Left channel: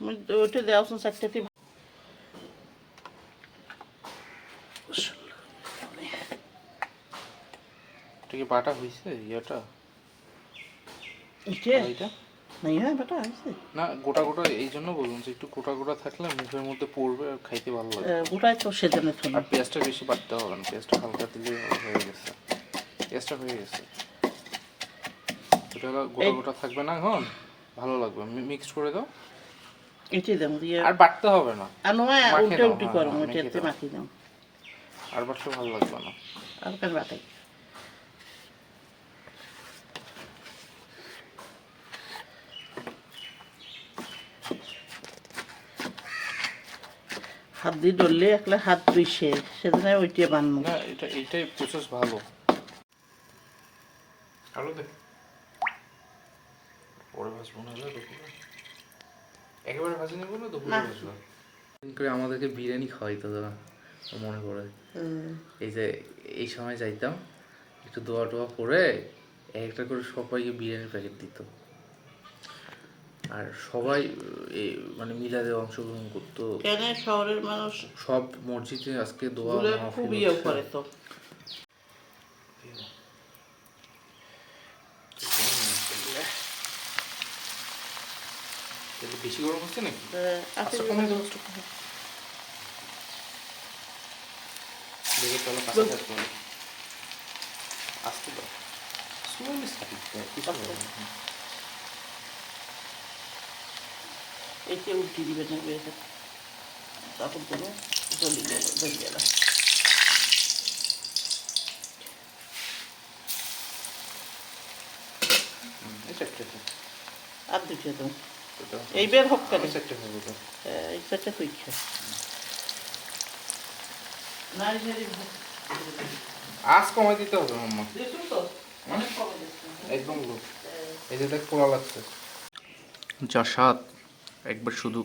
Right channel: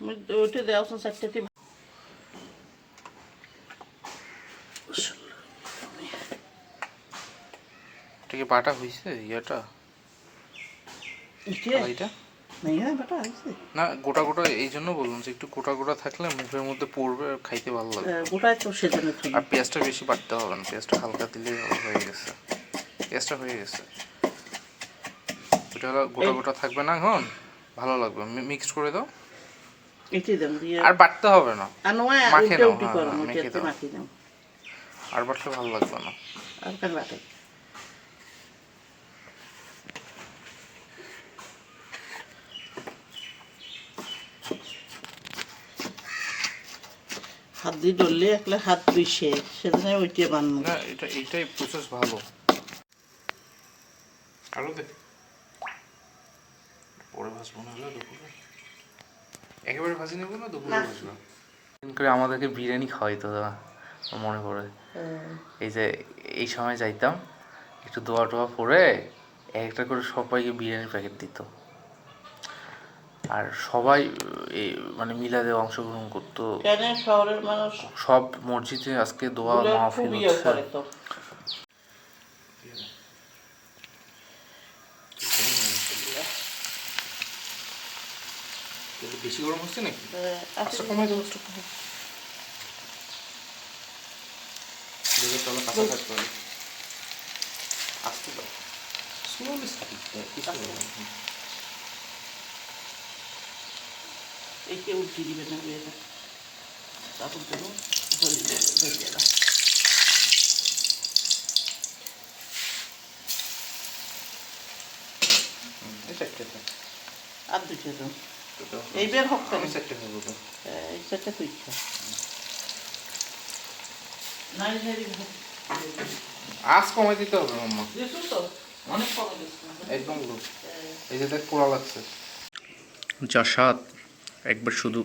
ওইটা দেওয়া চারটাতে এটা বাটা হয়েছে ইয়েটা এটা এটা? নাই হ্যাঁ বেটা আছে না গোটা গোটা এই জন্য বললাম যে একটু গোটা গোটা থাকলে মুখের মধ্যে পড়বে আর খাইতে ভালো লাগে। গোটাই তো সেজন্য আর পেঁয়াজটা বেশি বাটতে হবে না পেঁয়াজটা হালকা দিলেই হয়ে গেছে। পেঁয়াজটা হয়ে গেছে। এটা গোটা গোটা থাকবে না এখন? ভালো লাগবে। মিক্সড করে দাও। এটি দেন দিয়ে। আর বাটতে হবে না। আর নয় উল্টে উল্টি করো হ্যাঁ, মেখে দাও। আর বাটলে ভালো লাগবে না। আর কেন বাটাই হাত দিয়ে ধরলে একলা হাত দুইছে সেজন্য ওইটা বানানো না এটা এইটাই প্রসেস ভালো। আরও দে। পরে ভাজবো না হলে দুপুরে। একেবারে ভাজি নেব না দুপুরে না। ভাজবো করে আমাদেরকে বিরিয়ানি খাওয়াইতো দাদা মনে পড়ে। এই যে এই সময় যাইতাম একটু দোয়া টোয়া পরে এক একটা করে সবাইকে বিরিয়ানির প্যাকেট দিত। আর সবাই এই মানে মিলাদে অংশগ্রহণ করতো। শহরের মানুষ সব মসজিদে আজকে দোয়া মাহফিল হচ্ছে। বেশি গরম হচ্ছে নাকি? আচ্ছা কমে দাও। একটু দেখে চলো কাঁচা থাকতে হবে আসতে দাও। স্লোলি একে দিবে না এটা তারপর দেবো জলি দেবো জলি দেবো হুম, এই সাইডটা থাক। আর দুটো দেবো তো দাও। এই বের হোক। এই আঁচ কমাই দিতে হবে মাম্মা। একদম লো এই যে দেখ পোড়া লাগছে। যা স্বাদ একবার শুধু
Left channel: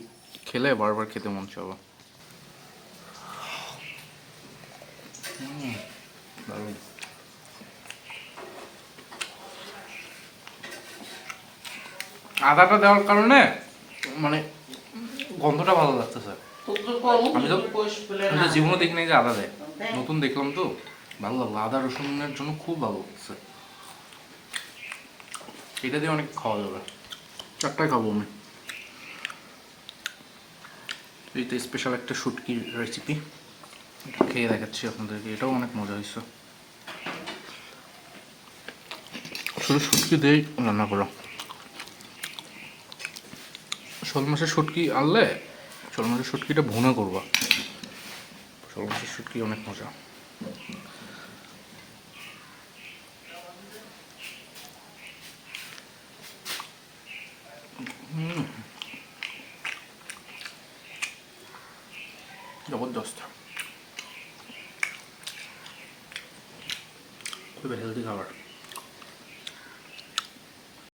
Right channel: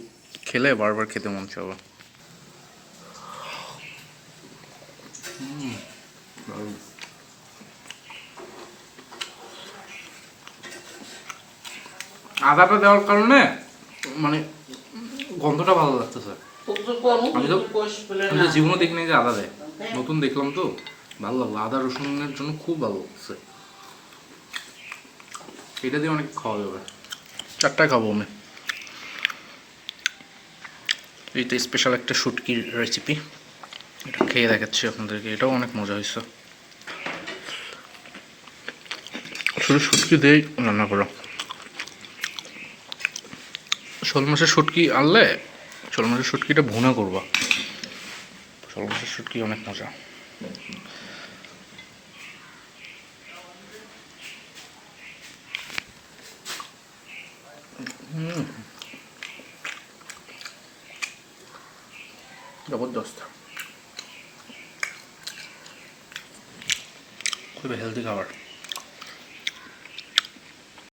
খেলে বারবার খেতে মন চাবে। আদাটা দেওয়ার কারণে মানে গন্ধটা ভালো লাগতেছে। আমি তো- আমি তো জীবনে দেখিনি যে আদা দেয়। নতুন দেখলাম তো। ভালো লাগল। আদা রসুনের জন্য খুব ভালো লাগছে এটা দিয়ে অনেক খাওয়া যাবে। চারটায় খাব আমি। এইটা স্পেশাল একটা শুটকির রেসিপি এটা খেয়ে দেখাচ্ছি আপনাদেরকে। এটাও অনেক মজা হয়েছে। শুধু শুটকি দিয়েই রান্না করা। শোল মাছের শুটকি আনলে শোল মাছের শুটকিটা ভুনা করবা। শোল মাছের শুটকি অনেক মজা। জবরদস্ত। খুবই হেলদি খাবার।